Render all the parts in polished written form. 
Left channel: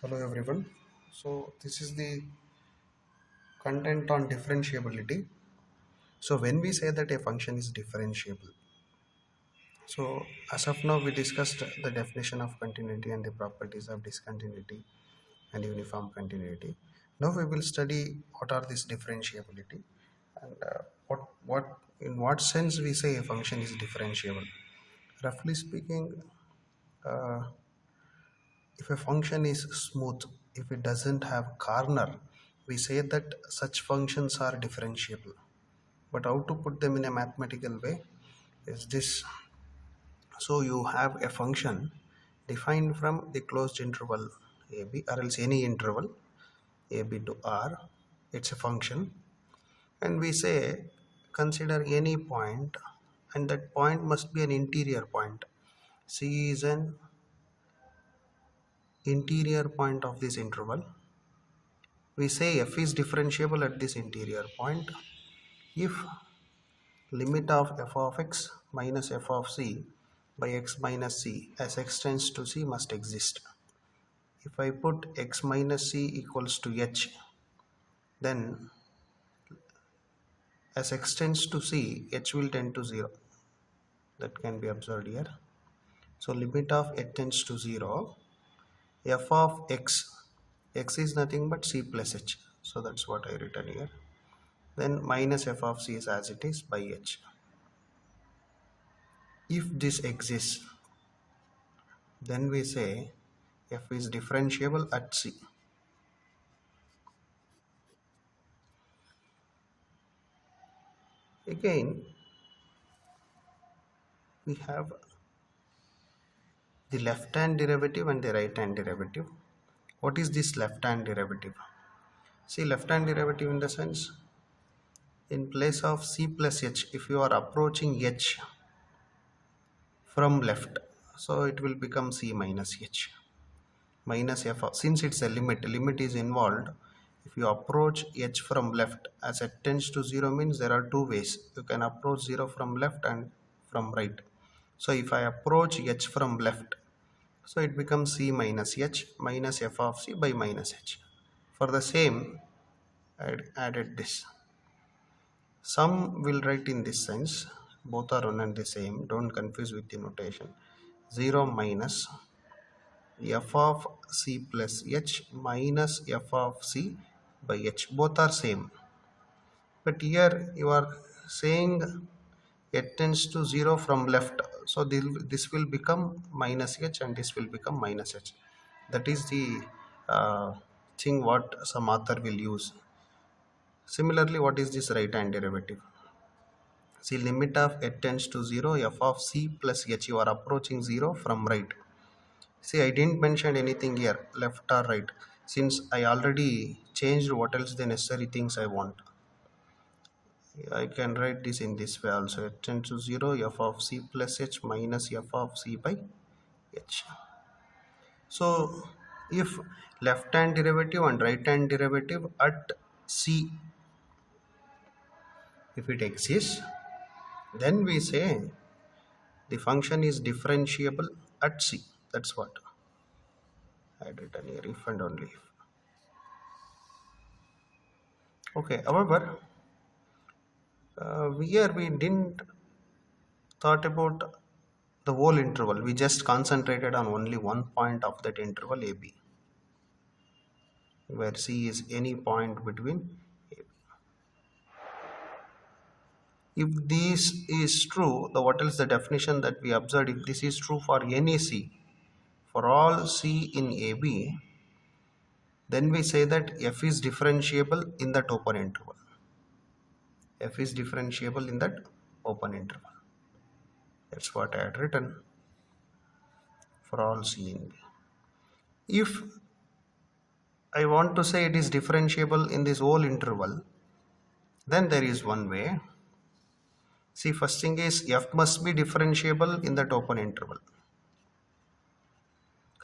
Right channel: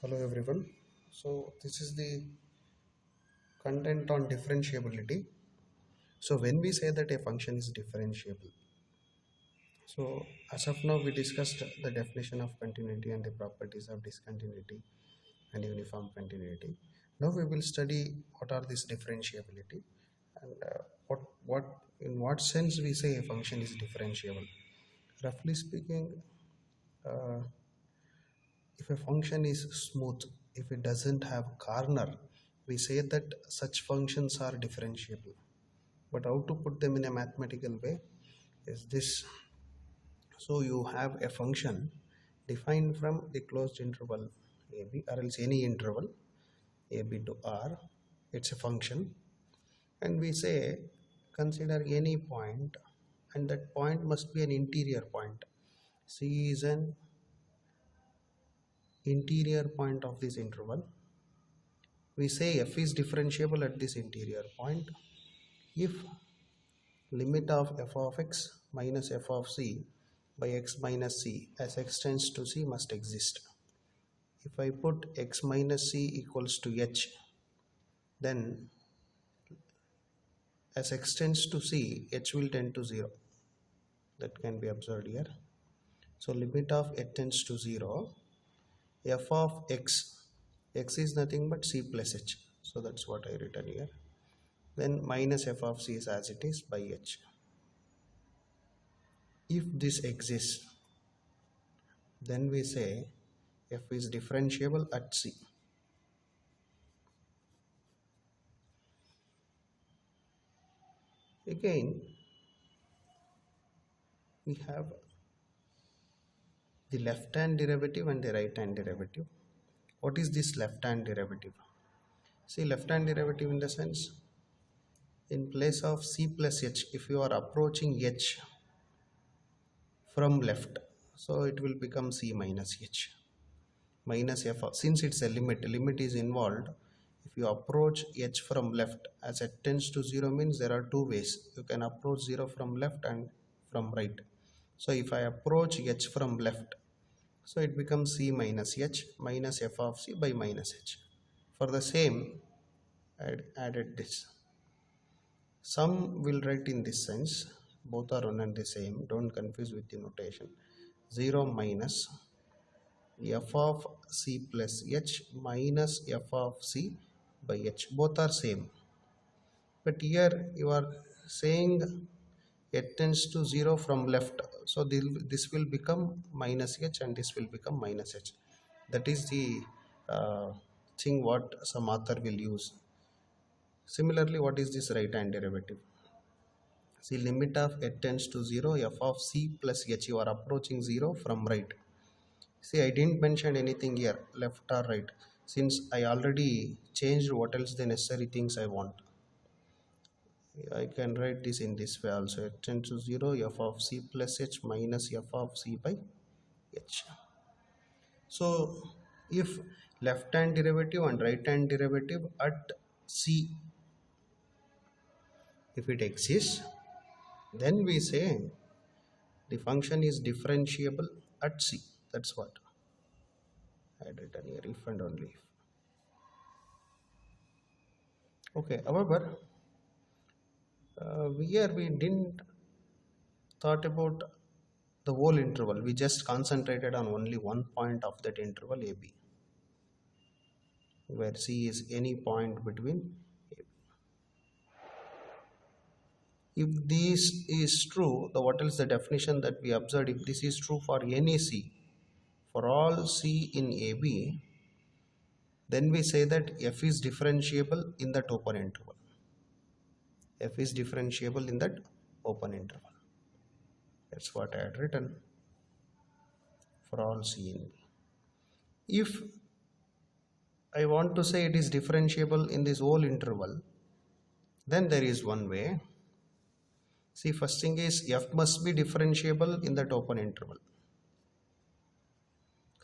Hello everyone. So this is the content on differentiability. So when we say that a function is differentiable, so as of now we discussed the definition of continuity and the properties of discontinuity and uniform continuity. Now we will study what are this differentiability and what in what sense we say a function is differentiable. Roughly speaking, uh, if a function is smooth, if it doesn't have corner, we say that such functions are differentiable. But how to put them in a mathematical way is this. So you have a function defined from the closed interval ab or else any interval ab to r. It's a function, and we say consider any point, and that point must be an interior point. C is an interior point of this interval. We say f is differentiable at this interior point if limit of f of x minus f of c by x minus c as x tends to c must exist. If I put x minus c equals to h, then as x tends to c, h will tend to 0. That can be observed here. So limit of h tends to 0, f of x is nothing but c plus h. So that's what I written here. Then minus f of c is as it is by h. If this exists, then we say f is differentiable at c. Again, we have the left hand derivative and the right hand derivative. What is this left hand derivative? See, left hand derivative in the sense, in place of c plus h, if you are approaching h from left, so it will become c minus h minus f of, since it's a limit is involved. If you approach h from left, as it tends to 0 means there are two ways you can approach 0, from left and from right. So if I approach h from left, so it becomes c minus h minus f of c by minus h. For the same, I added this. Some will write in this sense, both are one and the same, don't confuse with the notation. 0 minus f of c plus h minus f of c by h, both are same. But here you are saying it tends to 0 from left, so this will become minus h and this will become minus h. That is the thing what some author will use. Similarly, what is this right hand derivative? See, limit of h tends to 0, f of c plus h, you are approaching 0 from right. See, I didn't mention anything here, left or right, since I already changed what else the necessary things I want. I can write this in this way also. H tends to 0, f of c plus h minus f of c by h. So, if left hand derivative and right hand derivative at c, if it exists, then we say the function is differentiable at c. That's what I had written here, if and only if. Okay, however, here we didn't thought about the whole interval. We just concentrated on only one point of that interval AB, where C is any point between AB. If this is true, the what is the definition that we observed? If this is true for any C, for all C in AB, then we say that F is differentiable in that open interval. F is differentiable in that open interval. That's what I had written for all C in B. If I want to say it is differentiable in this whole interval, then there is one way. See, first thing is f must be differentiable in that open interval.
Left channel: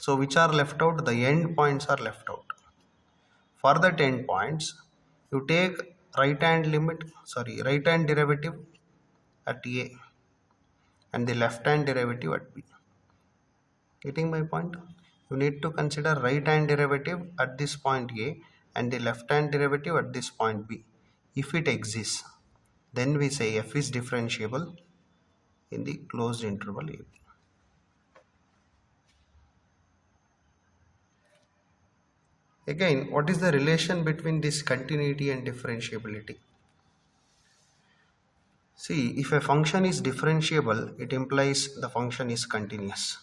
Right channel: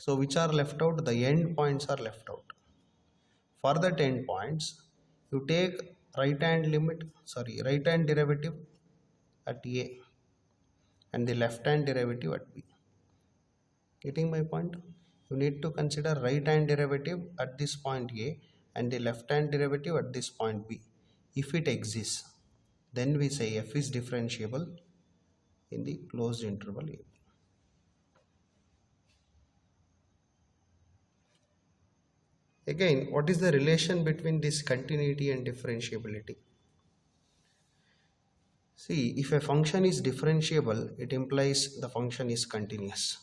So which are left out? The end points are left out. For that end points, you take right hand derivative at a and the left hand derivative at b. Getting my point? You need to consider right hand derivative at this point A and the left hand derivative at this point B. If it exists, then we say f is differentiable in the closed interval A. Again, what is the relation between this continuity and differentiability? See, if a function is differentiable, it implies the function is continuous.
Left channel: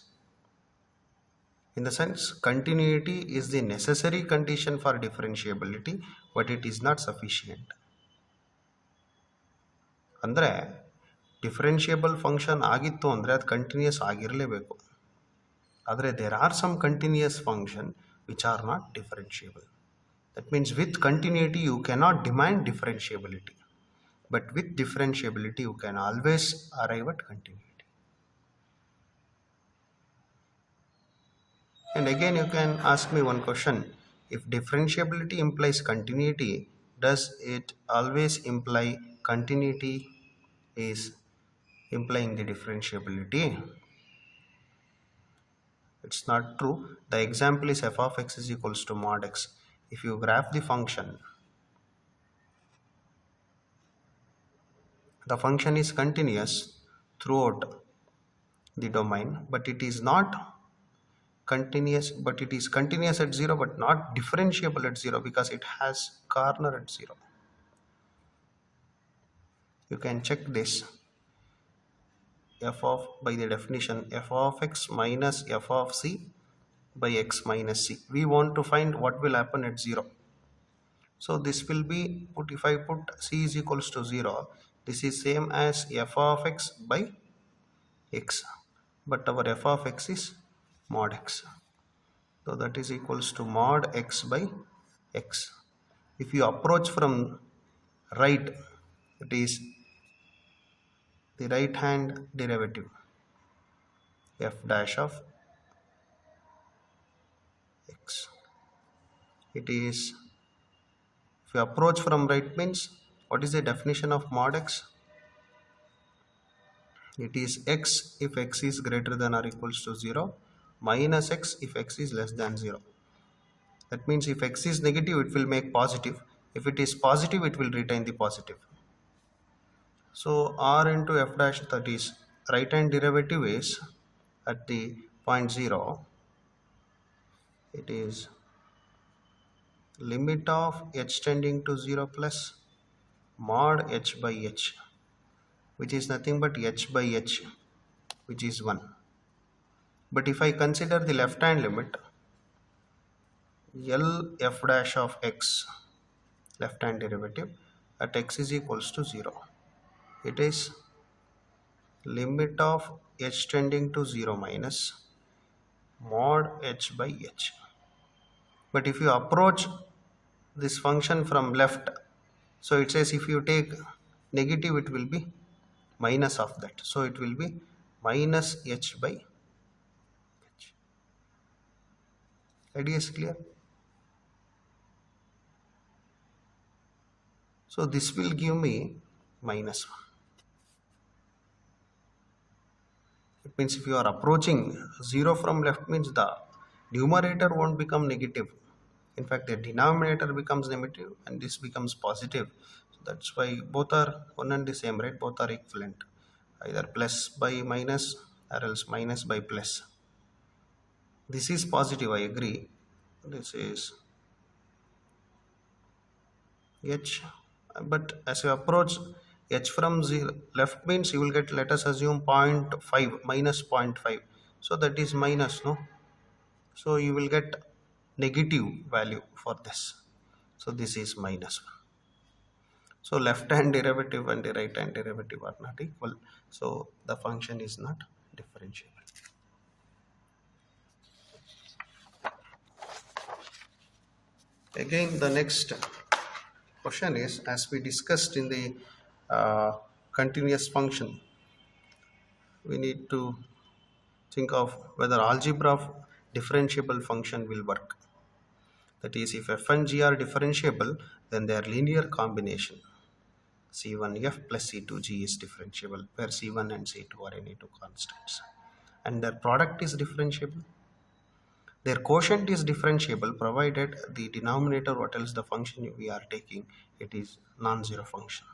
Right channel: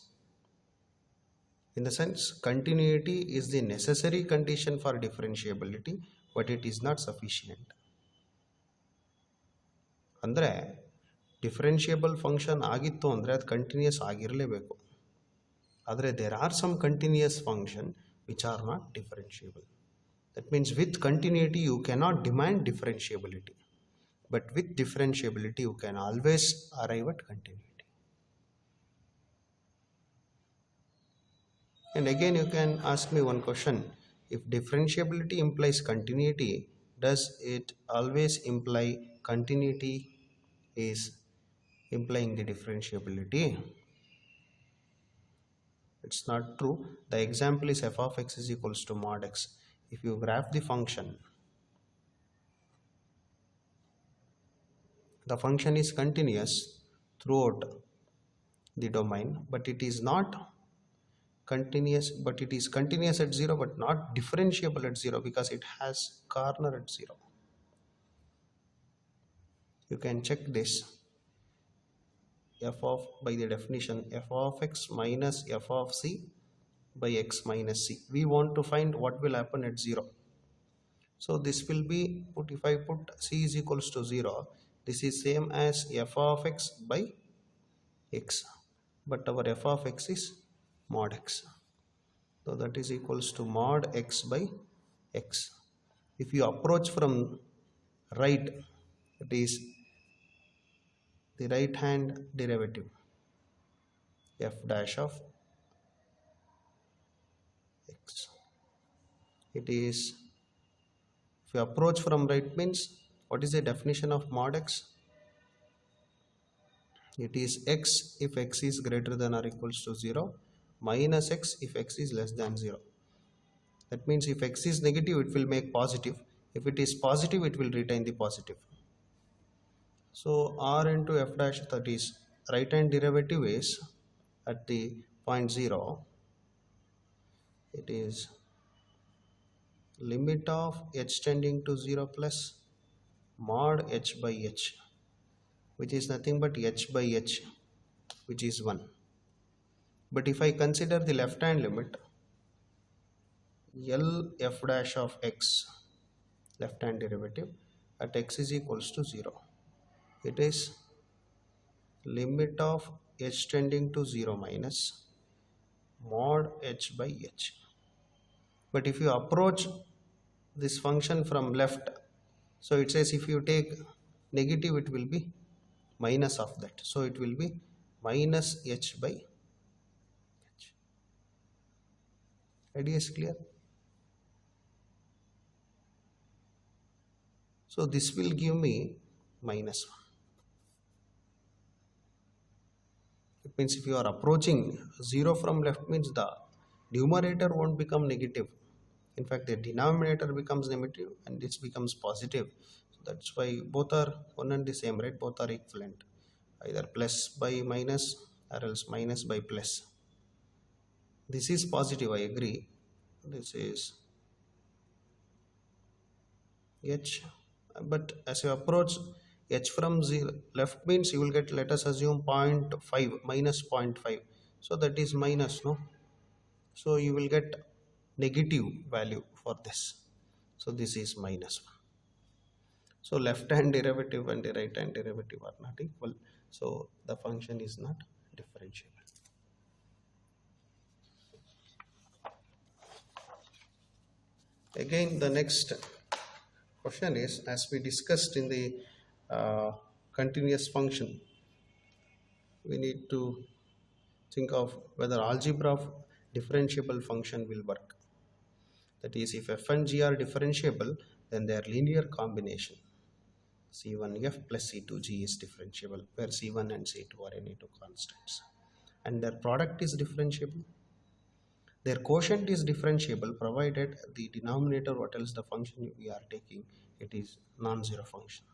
In the sense, continuity is the necessary condition for differentiability, but it is not sufficient. ಅಂದರೆ differentiable function ಆಗಿತ್ತು ಅಂದರೆ ಅದು continuous ಆಗಿರಲೇಬೇಕು. ಆದರೆ there are some continuous function which are not differentiable. That means with continuity you cannot demand differentiability, but with differentiability you can always arrive at continuity. And again you can ask me one question: if differentiability implies continuity, does it always imply continuity is implying the differentiability? It's not true. The example is f of x is equals to mod x. If you graph the function, the function is continuous throughout the domain, but it is not continuous, but it is continuous at 0 but not differentiable at 0 because it has corner at 0. You can check this. F of, by the definition, f of x minus f of c by x minus c. We want to find what will happen at 0. So this will be, if I put c is equals to 0, this is same as f of x by x, but our f of x is mod x. So that is equals to mod x by x. If you approach from right, it is the right hand derivative f dash of x. It is, if you approach from right means, what is the definition of mod x? It is x if x is greater than or equals to 0 minus x if x is less than 0. That means if x is negative, it will make positive. If it is positive, it will retain the positive. So r into f dash, that is right hand derivative, is at the point 0, it is limit of h tending to 0 plus mod h by h, which is nothing but h by h, which is 1. But if I consider the left hand limit, L f dash of x, left hand derivative, at x is equals to 0, it is limit of h tending to 0 minus mod h by h. But if you approach this function from left, so it says if you take negative, it will be minus of that, so it will be minus h by h. Idea is clear? So this will give me minus 1. It means if you are approaching 0 from left means the numerator won't become negative. In fact, the denominator becomes negative and this becomes positive. So that's why both are one and the same, right? Both are equivalent. Either plus by minus or else minus by plus. This is positive, I agree. This is h, but as you approach h from 0 left means you will get, let us assume 0.5 minus 0.5, so that is minus, no? So you will get negative value for this, so this is minus 1. So left hand derivative and the right hand derivative are not equal, so the function is not differentiable. Again, the next question is, as we discussed in the continuous function, we need to think of whether algebra of differentiable function will work. That is, if f and g are differentiable, then their linear combination c1f plus c2g is differentiable, where c1 and c2 are any two constants, and their product is differentiable. Their quotient is differentiable provided the denominator, what else the function we are taking, it is non-zero function.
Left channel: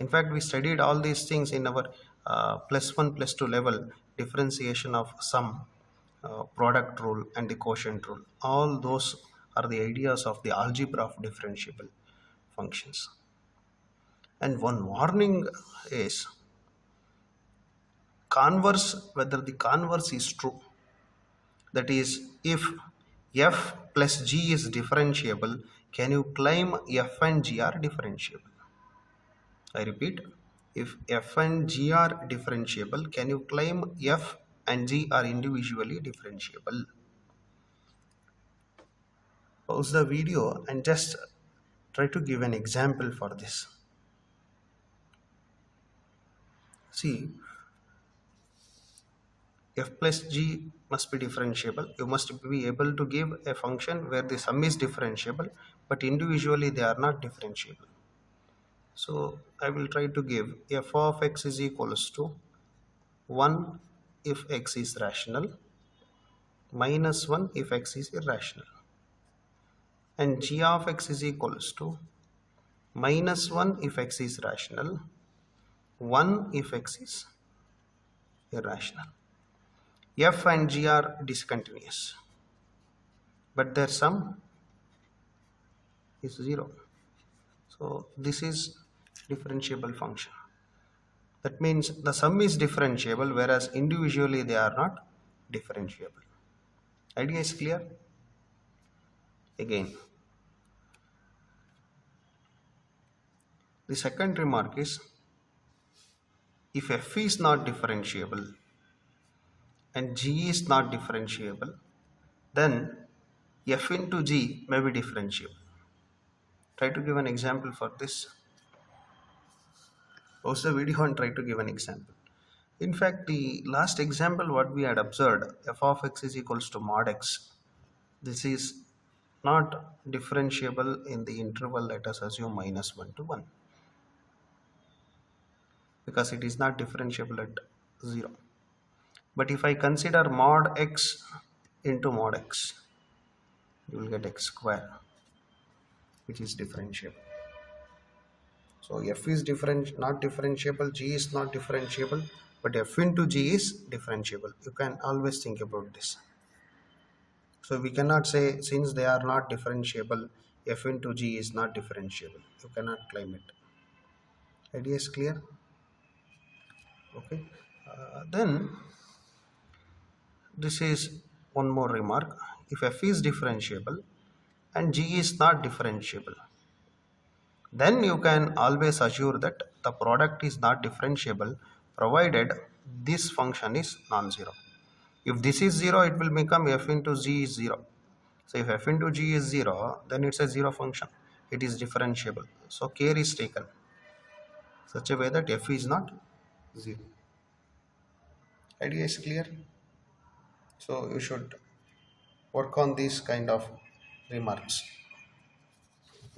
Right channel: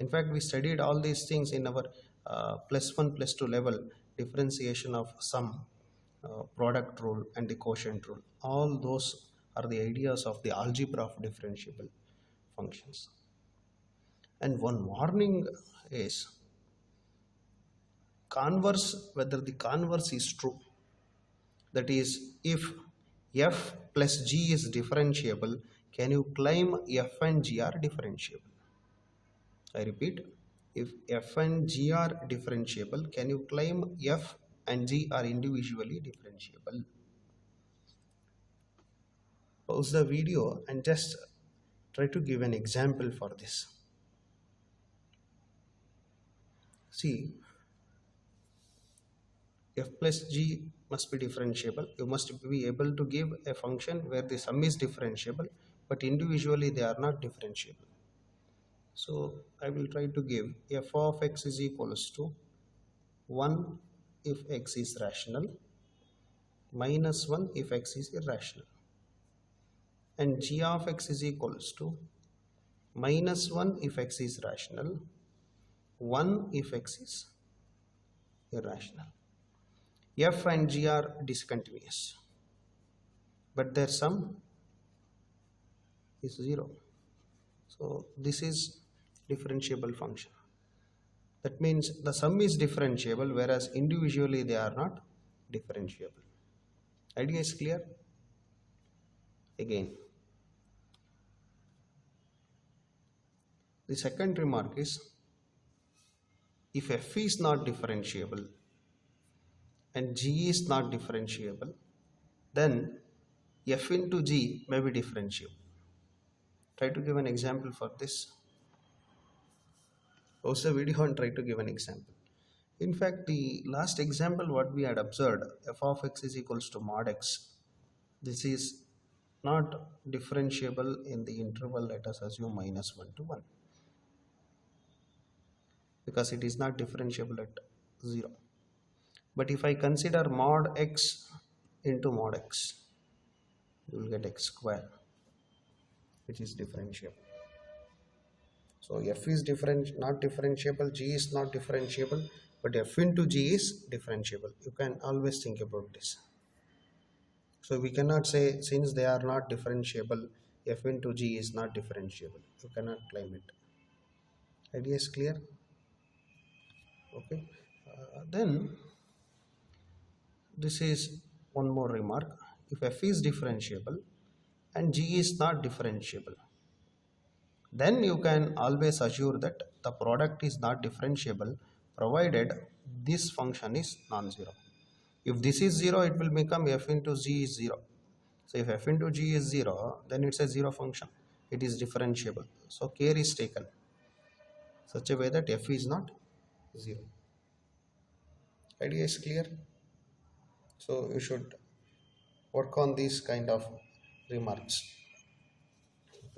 In fact, we studied all these things in our +1 +2 level, differentiation of sum, product rule and the quotient rule. All those are the ideas of the algebra of differentiable functions. And one warning is converse, whether the converse is true. That is, if f plus g is differentiable, can you claim f and g are differentiable? I repeat, if f and g are differentiable, can you claim f and g are individually differentiable? Pause the video and just try to give an example for this. See, f plus g must be differentiable. You must be able to give a function where the sum is differentiable, but individually they are not differentiable. So I will try to give f of x is equals to 1 if x is rational, minus 1 if x is irrational, and g of x is equals to minus 1 if x is rational, 1 if x is irrational. F and g are discontinuous, but their sum is 0. So this is differentiable function. That means the sum is differentiable, whereas individually they are not differentiable. Idea is clear? Again, the second remark is, if f is not differentiable and g is not differentiable, then f into g may be differentiable. Try to give an example for this. Pause the video and try to give an example. In fact, the last example what we had observed, f of x is equals to mod x. This is not differentiable in the interval, let us assume minus 1 to 1, because it is not differentiable at 0. But if I consider mod x into mod x, you will get x square, which is differentiable. So f is not differentiable, g is not differentiable, but f into g is differentiable. You can always think about this. So we cannot say, since they are not differentiable, f into g is not differentiable. You cannot claim it. Idea is clear? Okay. Then this is one more remark. If f is differentiable and g is not differentiable, then you can always assure that the product is not differentiable provided this function is non-zero. If this is 0, it will become f into g is 0. So if f into g is 0, then it's a 0 function. It is differentiable. So care is taken such a way that f is not 0. Idea is clear? So you should work on these kind of remarks.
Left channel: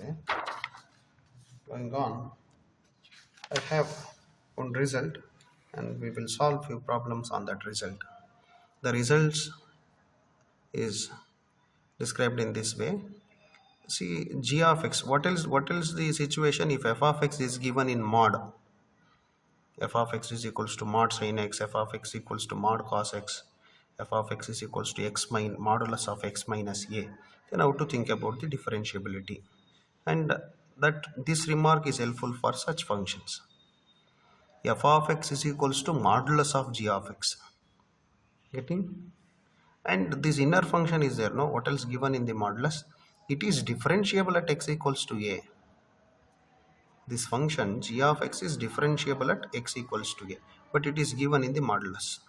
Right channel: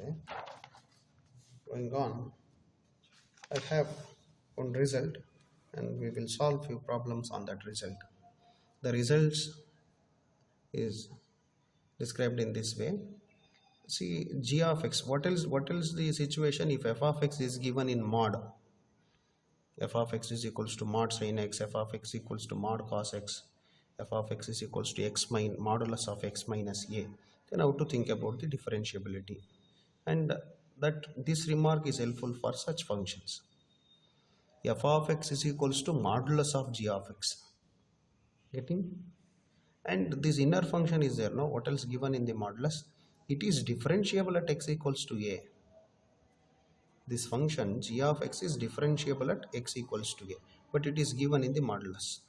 Okay. Going on, I have one result and we will solve few problems on that result. The results is described in this way. See, g of x, what else the situation if f of x is given in mod? F of x is equals to mod sin x, f of x equals to mod cos x, f of x is equals to modulus of x minus a. Then how to think about the differentiability, and that this remark is helpful for such functions. F of x is equals to modulus of g of x. Getting? And this inner function is there, no? What else given in the modulus? It is differentiable at x equals to a. This function g of x is differentiable at x equals to a, but it is given in the modulus.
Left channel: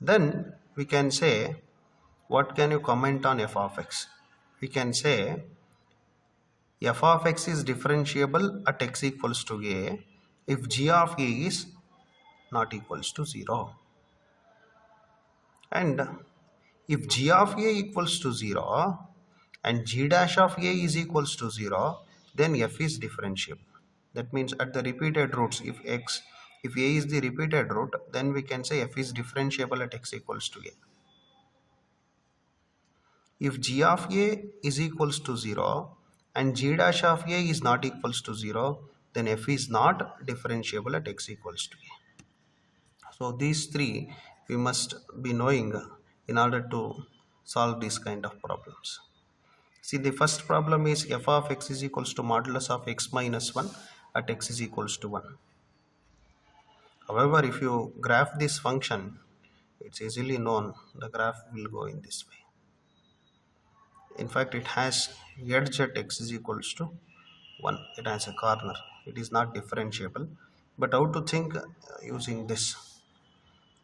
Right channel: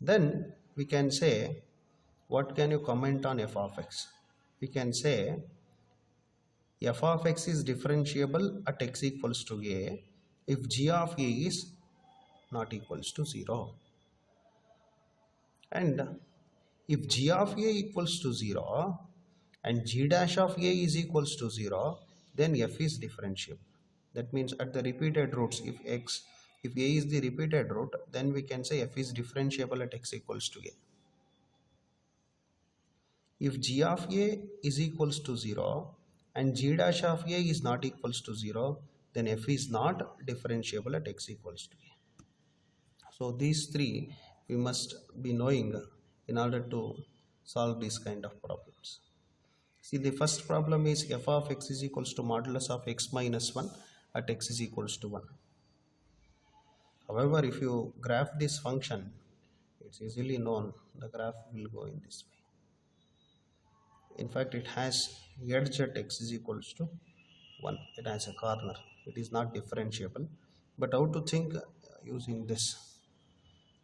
Then we can say, what can you comment on f of x? We can say f of x is differentiable at x equals to a if g of a is not equals to 0. And if g of a equals to 0 and g dash of a is equals to 0, then f is differentiable. That means at the repeated roots, if a is the repeated root, then we can say f is differentiable at x equals to a. if g of a is equals to 0 and g dash of a is not equals to 0, then f is not differentiable at x equals to a. So these three we must be knowing in order to solve these kind of problems. See, the first problem is f of x is equals to modulus of x minus 1 at x is equals to 1. However, if you graph this function, it's easily known the graph will go in this way. In fact, it has edge at x is equals to 1. It has a corner. It is not differentiable. But how to think using this?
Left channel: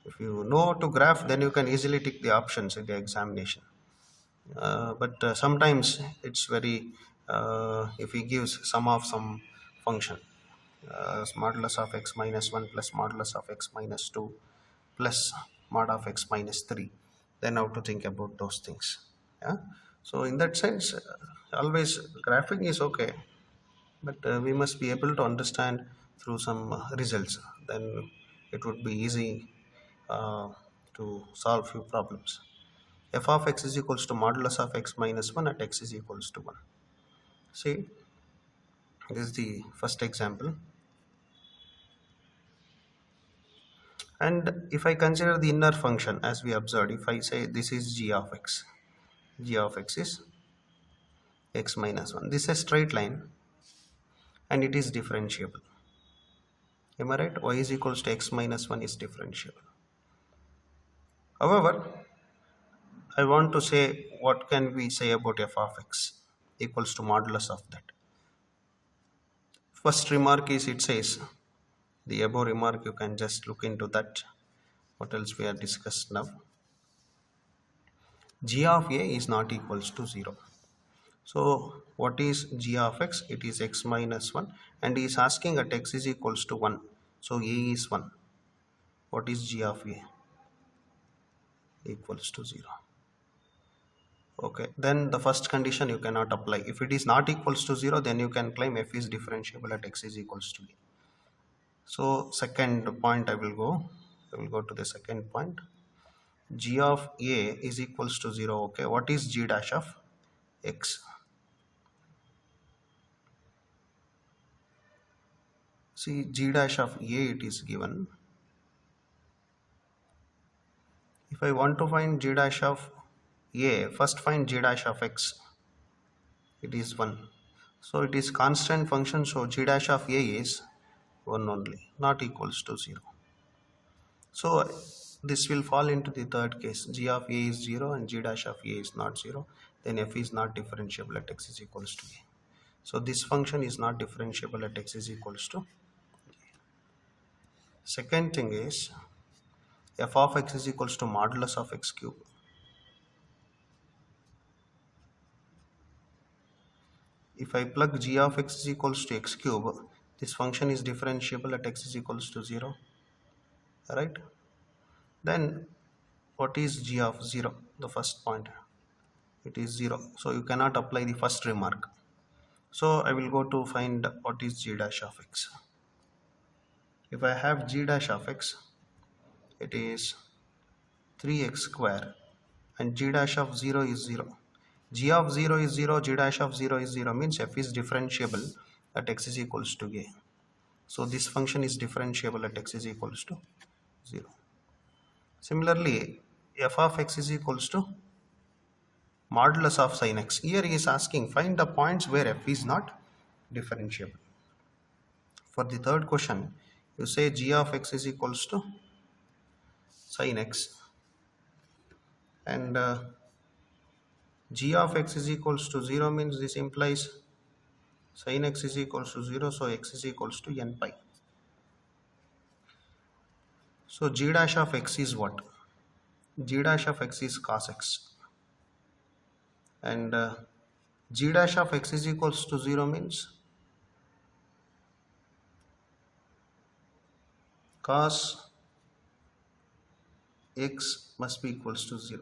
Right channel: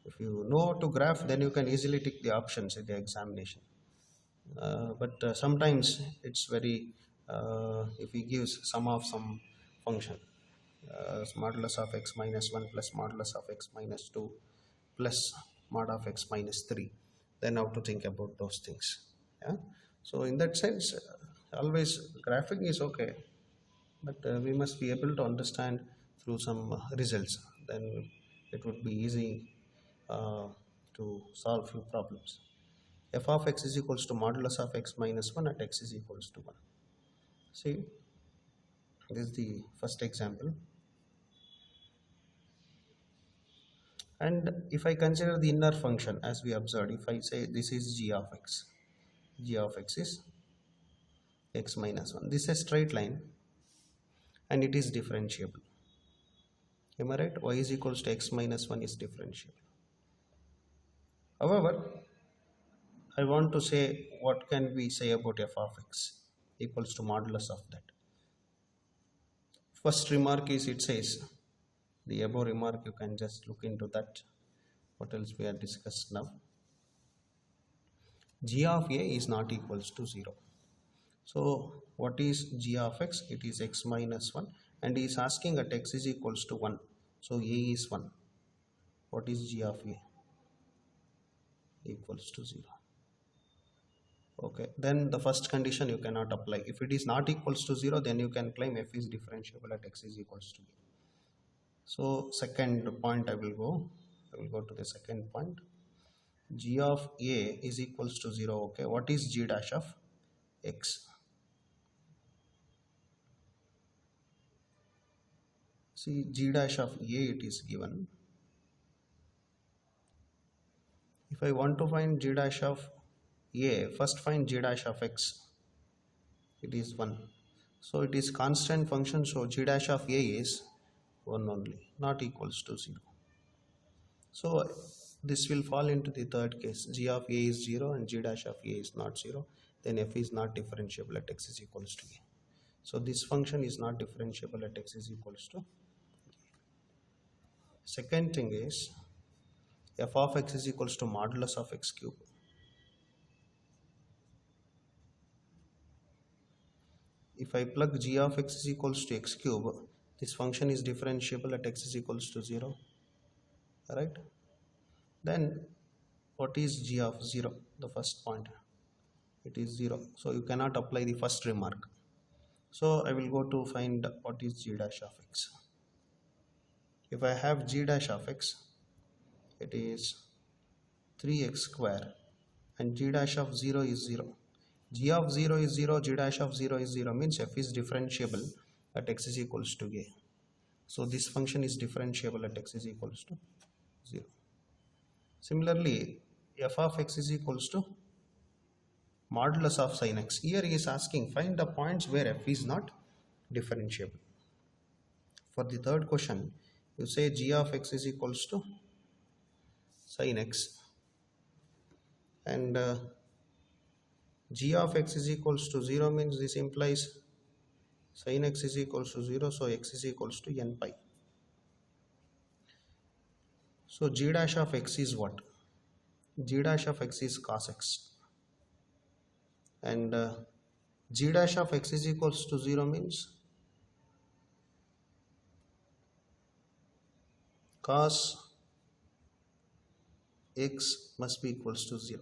If you know how to graph, then you can easily tick the options in the examination. But sometimes it's very, if he gives sum of some function, modulus of x minus 1 plus modulus of x minus 2 plus mod of x minus 3, then how to think about those things. Yeah? So in that sense, always graphing is okay, but we must be able to understand through some results, then it would be easy uh, to solve few problems. F of x is equals to modulus of x minus 1 at x is equals to 1. See, this is the first example. And if I consider the inner function as we observed, if I say this is g of x is x minus 1. This is a straight line and it is differentiable. Am I right? Y is equals to x minus 1 is differentiable. However, I want to say what can we say about f of x equals to modulus of that. First remark is it says, the above remark you can just look into that. What else we are discussed now? G of a is not equals to 0. So what is g of x? It is x minus 1 and he is asking at x is equals to 1. So a is 1. What is g of a? Equals to 0. Okay, then the first condition you cannot apply. If it is not equals to 0, then you can claim f is differentiable at x is equals to a. So second point I will go to the second point. G of a is equals to 0. Okay, what is g dash of x? See, g dash of a it is given. If I want to find g dash of a, first find g dash of x. It is 1. So it is constant function, so g dash of a is 1 only, not equals to 0. So this will fall into the third case. G of a is 0 and g dash of a is not 0. Then f is not differentiable at x is equals to a. So this function is not differentiable at x is equals to a. Second thing is f of x is equals to modulus of x cube. If I plug g of x is equals to x cube, this function is differentiable at x is equals to 0. Right? Then what is g of 0? The first point. It is 0. So you cannot apply the first remark. So I will go to find what is g dash of x. If I have g dash of x, it is 3x square and g dash of 0 is 0. G of 0 is 0, g dash of 0 is 0 means f is differentiable at x is equals to a. So this function is differentiable at x is equals to 0. Similarly, f of x is equals to modulus of sin x. Here he is asking find the points where f is not differentiable. For the third question, you say g of x is equals to sin x and g of x is equals to 0 means this implies sin x is equals to 0, so x is equals to n pi. So g dash of x is what? G dash of x is cos x and g dash of x is equals to 0 means cos x must be equals to 0.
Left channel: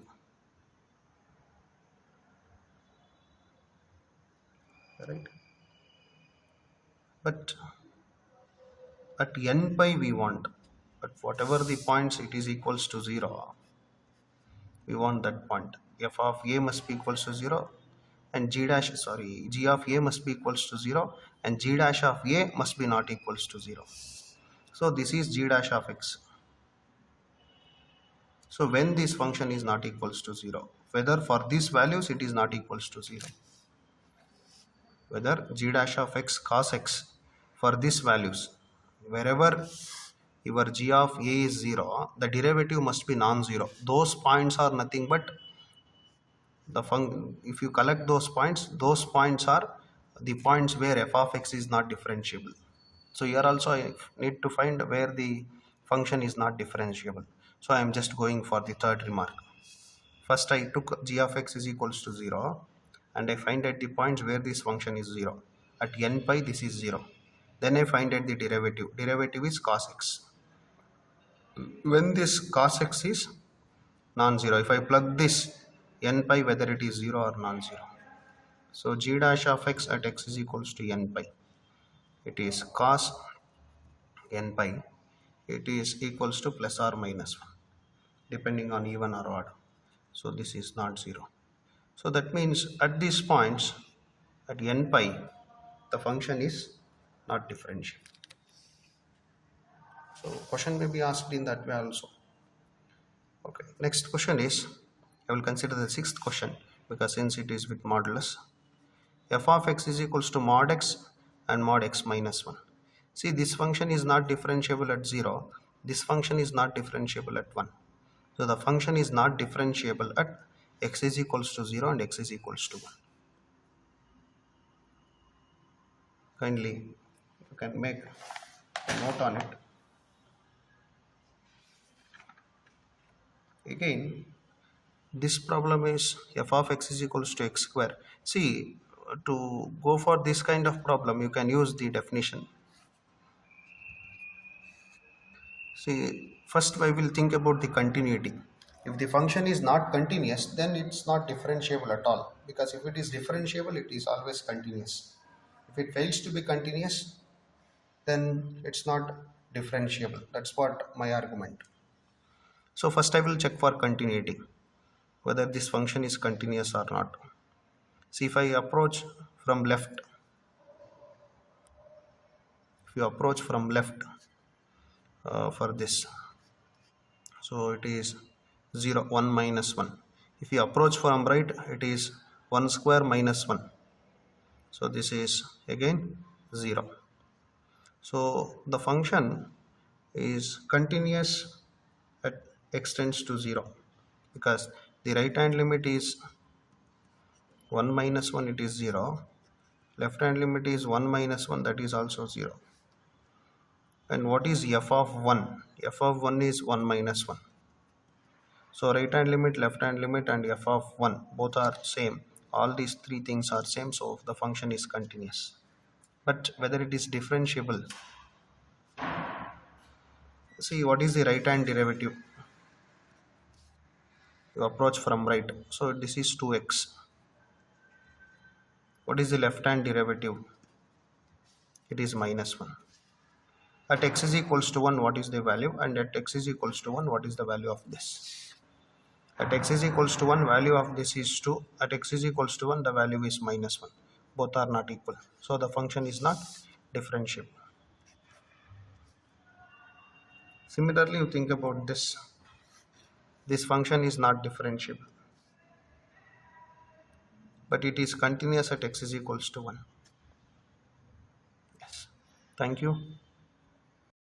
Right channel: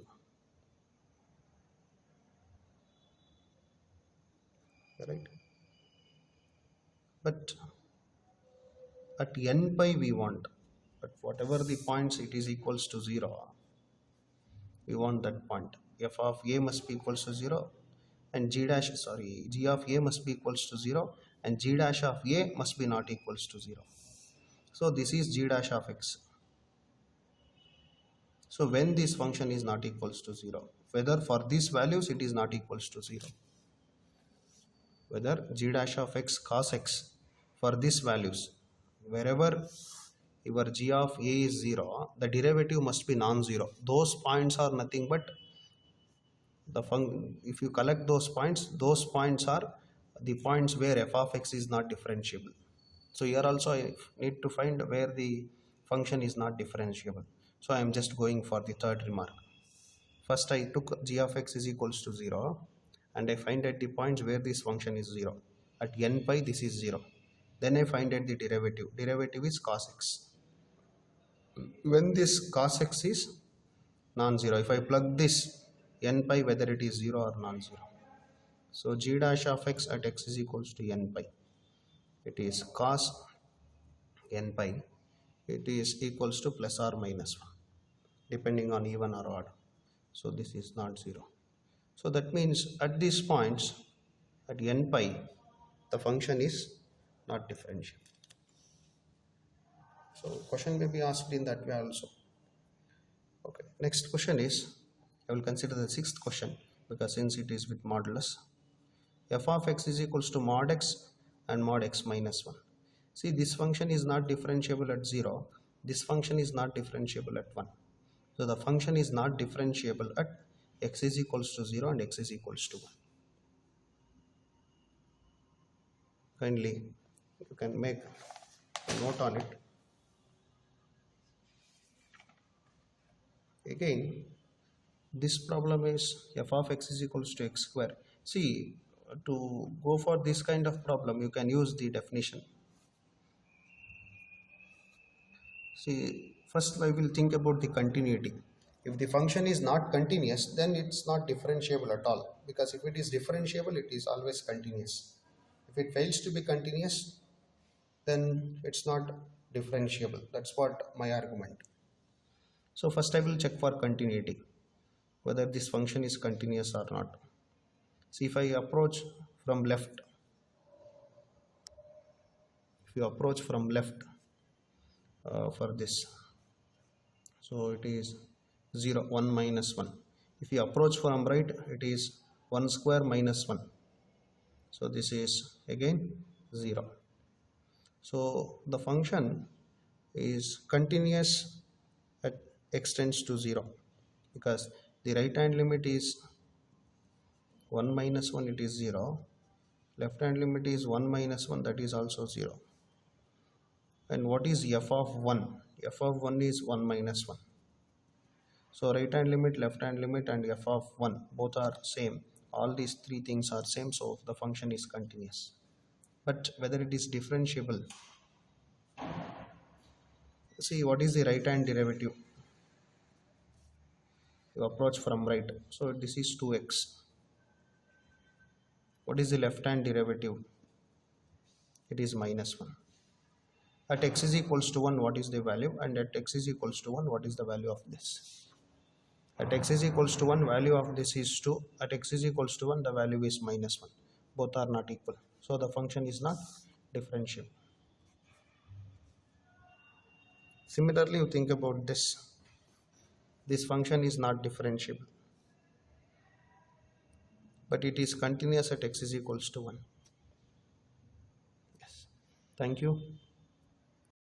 Right? But at n pi we want, at whatever the points it is equals to 0, we want that point. f of a must be equals to 0 and g of a must be equals to 0 and g dash of a must be not equals to 0. So this is g dash of x. So when this function is not equals to 0, whether for these values it is not equals to 0, whether g dash of x cos x for these values, wherever your g of a is 0, the derivative must be non-zero. Those points are nothing but if you collect those points are the points where f of x is not differentiable. So here also I need to find where the function is not differentiable. So I am just going for the third remark. First I took g of x is equals to 0 and I find at the points where this function is 0. At n pi this is 0. Then I find at the derivative. Derivative is cos x. When this cos x is non-zero, if I plug this n pi whether it is 0 or non-zero. So g dash of x at x is equals to n pi. It is cos n pi. It is equals to plus or minus 1 depending on even or odd. So this is not 0. So that means at these points at n pi the function is not differentiable. So question may be asked in that way also. Okay, next question is, I will consider the sixth question because since it is with modulus. F of x is equals to mod x and mod x minus 1. See, this function is not differentiable at 0. This function is not differentiable at 1. So the function is not differentiable at x is equals to 0 and x is equals to 1. Kindly you can make a note on it. Again, this problem is f of x is equals to x square. See, to go for this kind of problem you can use the definition. See, first I will think about the continuity. If the function is not continuous, then it's not differentiable at all, because if it is differentiable it is always continuous. If it fails to be continuous, then it's not differentiable. That's what my argument. So first I will check for continuity, whether this function is continuous or not. See, if I approach from left, if you approach from left for this, so it is 0 1 minus 1. If you approach from right, it is 1 square minus 1. So this is again 0. So the function is continuous at x tends to 0 because the right hand limit is 1 minus 1, it is 0. Left hand limit is 1 minus 1, that is also 0. And what is f of 1? F of 1 is 1 minus 1. So right hand limit, left hand limit and f of 1 both are same. All these three things are same, so the function is continuous. But whether it is differentiable, see what is the right hand derivative? You approach from right, so this is 2x. What is the left hand derivative? It is minus 1. At x is equals to 1, what is the value? And at x is equals to 1, what is the value of this? At x is equals to 1, value of this is 2. At x is equals to 1, the value is minus 1. Both are not equal. So the function is not differentiable. Similarly, you think about this. This function is not differentiable, but it is continuous at x is equals to 1. Yes. Thank you.